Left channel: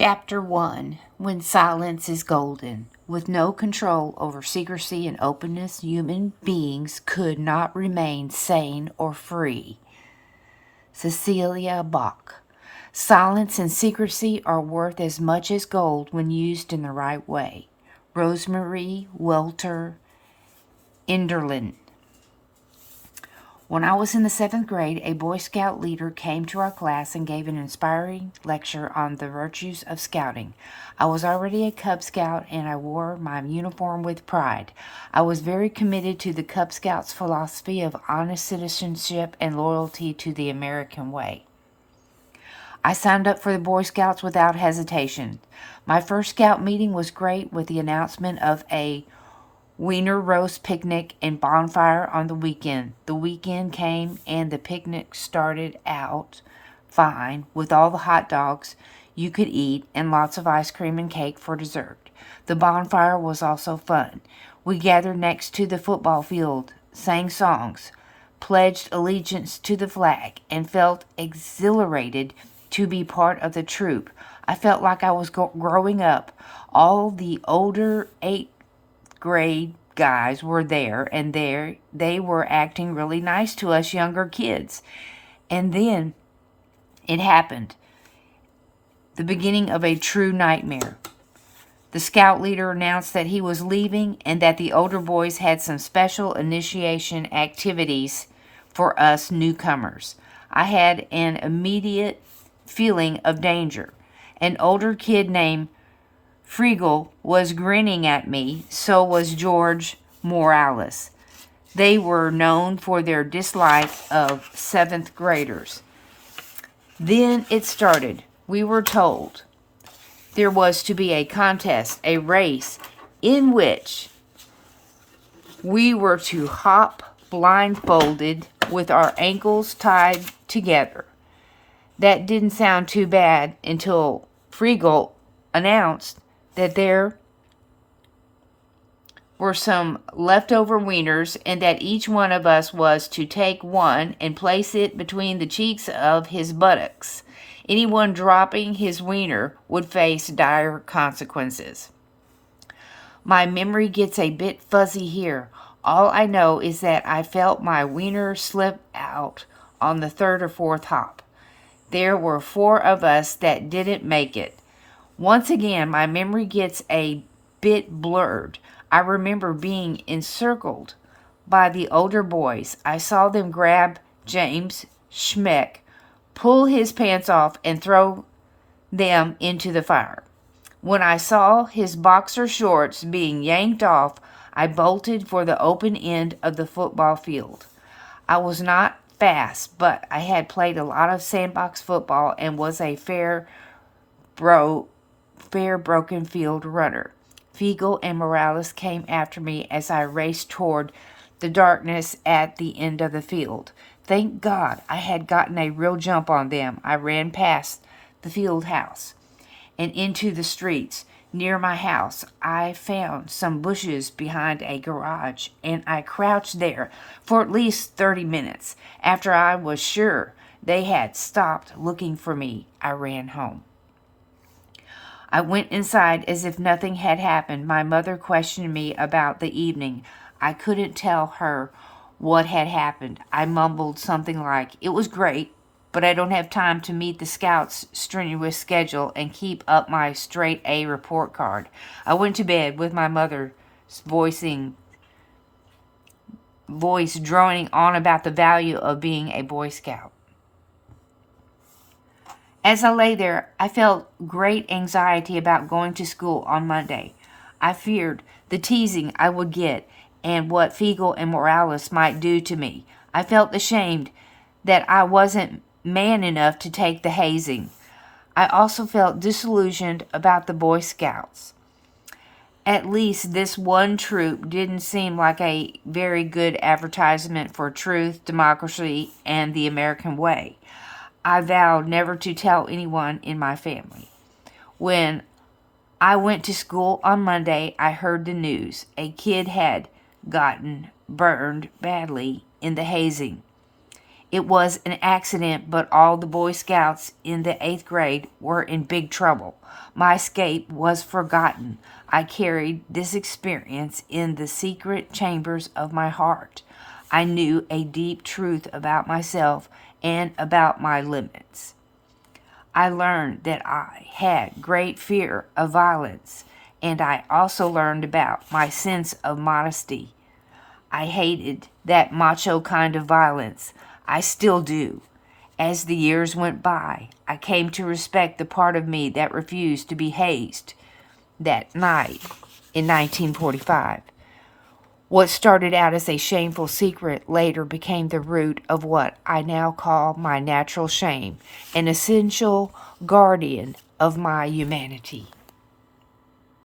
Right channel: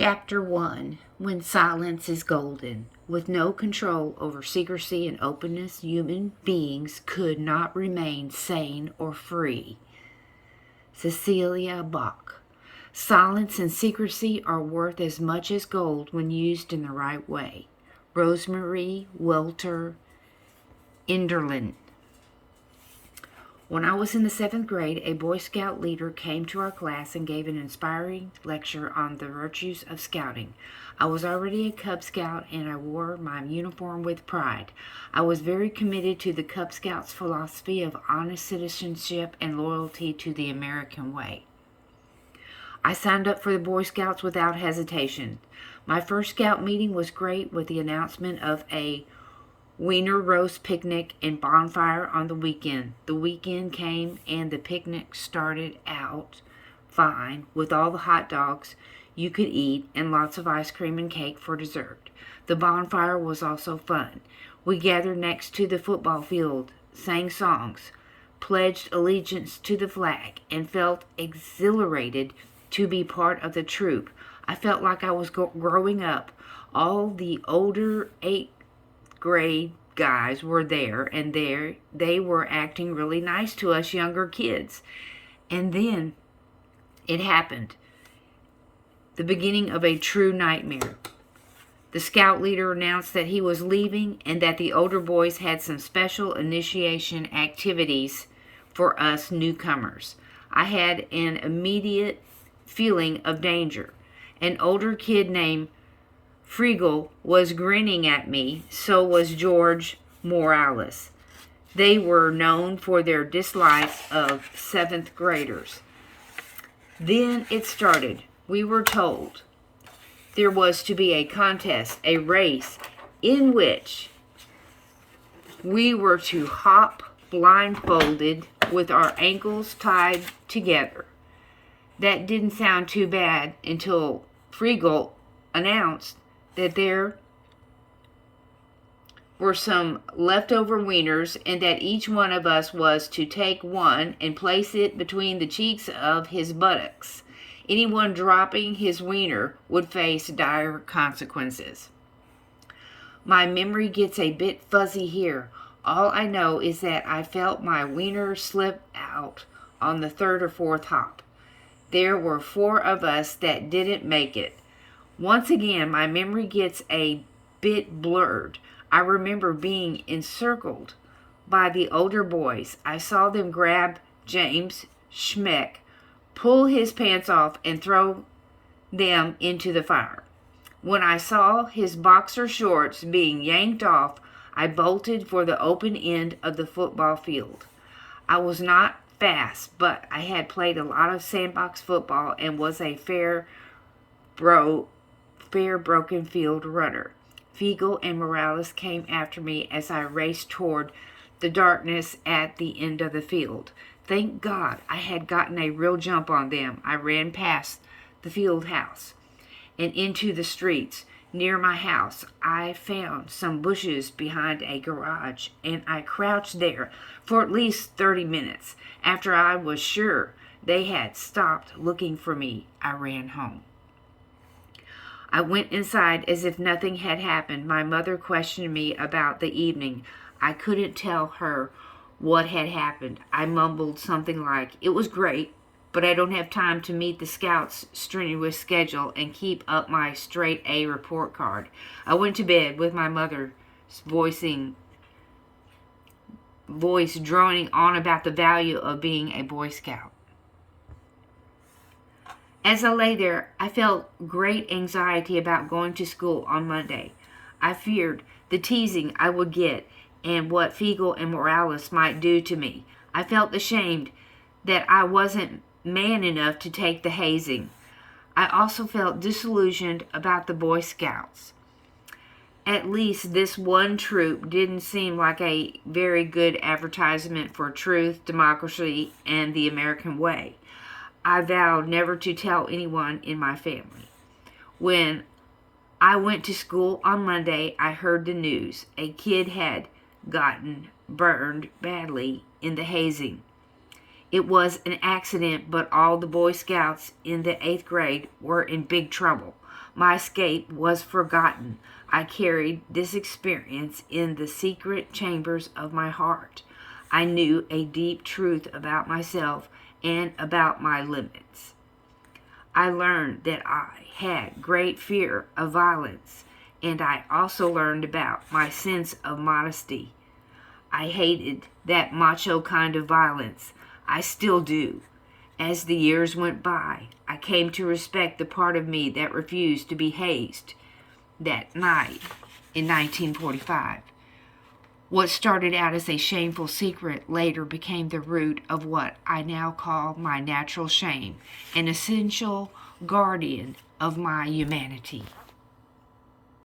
Chapter 1. When Silence is Golden. With no control over secrecy and openness, human beings could not remain sane or free. Cecilia Bach. Silence and secrecy are worth as much as gold when used in the right way. Rosemary Welter Enderlin. When I was in the 7th grade, a Boy Scout leader came to our class and gave an inspiring lecture on the virtues of scouting. I was already a Cub Scout and I wore my uniform with pride. I was very committed to the Cub Scouts' philosophy of honest citizenship and loyalty to the American way. I signed up for the Boy Scouts without hesitation. My first Scout meeting was great with the announcement of a Wiener roast picnic and bonfire on the weekend. The weekend came and the picnic started out fine with all the hot dogs you could eat and lots of ice cream and cake for dessert. The bonfire was also fun. We gathered next to the football field, sang songs, pledged allegiance to the flag, and felt exhilarated to be part of the troop. I felt like I was growing up. All the older 8th grade guys were there, and they were acting really nice to us younger kids. And then it happened. The beginning of a true nightmare. The scout leader announced that he was leaving and that the older boys had some special initiation activities for us newcomers. I had an immediate feeling of danger. An older kid named Friegel was grinning at me, so was George Morales. They were known for their dislike of 7th graders. Then it started. We were told there was to be a contest, a race, in which we were to hop blindfolded with our ankles tied together. That didn't sound too bad until Friegel announced that there were some leftover wieners and that each one of us was to take one and place it between the cheeks of his buttocks. Anyone dropping his wiener would face dire consequences. My memory gets a bit fuzzy here. All I know is that I felt my wiener slip out on the 3rd or 4th hop. There were 4 of us that didn't make it. Once again, my memory gets a bit blurred. I remember being encircled by the older boys. I saw them grab James Schmeck, pull his pants off, and throw them into the fire. When I saw his boxer shorts being yanked off, I bolted for the open end of the football field. I was not fast, but I had played a lot of sandbox football and was a fair broken field runner. Fiegel and Morales came after me as I raced toward the darkness at the end of the field. Thank God I had gotten a real jump on them. I ran past the field house and into the streets. Near my house, I found some bushes behind a garage, and I crouched there for at least 30 minutes. After I was sure they had stopped looking for me, I ran home. I went inside as if nothing had happened. My mother questioned me about the evening. I couldn't tell her what had happened. I mumbled something like, "It was great, but I don't have time to meet the Scouts' strenuous schedule and keep up my straight A report card." I went to bed with my mother's voice droning on about the value of being a Boy Scout. As I lay there, I felt great anxiety about going to school on Monday. I feared the teasing I would get and what Fiegel and Morales might do to me. I felt ashamed that I wasn't man enough to take the hazing. I also felt disillusioned about the Boy Scouts. At least this one troop didn't seem like a very good advertisement for truth, democracy, and the American way. I vowed never to tell anyone in my family. When I went to school on Monday, I heard the news. A kid had gotten burned badly in the hazing. It was an accident, but all the Boy Scouts in the 8th grade were in big trouble. My escape was forgotten. I carried this experience in the secret chambers of my heart. I knew a deep truth about myself and about my limits. I learned that I had great fear of violence, and I also learned about my sense of modesty. I hated that macho kind of violence. I still do. As the years went by, I came to respect the part of me that refused to be hazed that night in 1945. What started out as a shameful secret later became the root of what I now call my natural shame, an essential guardian of my humanity.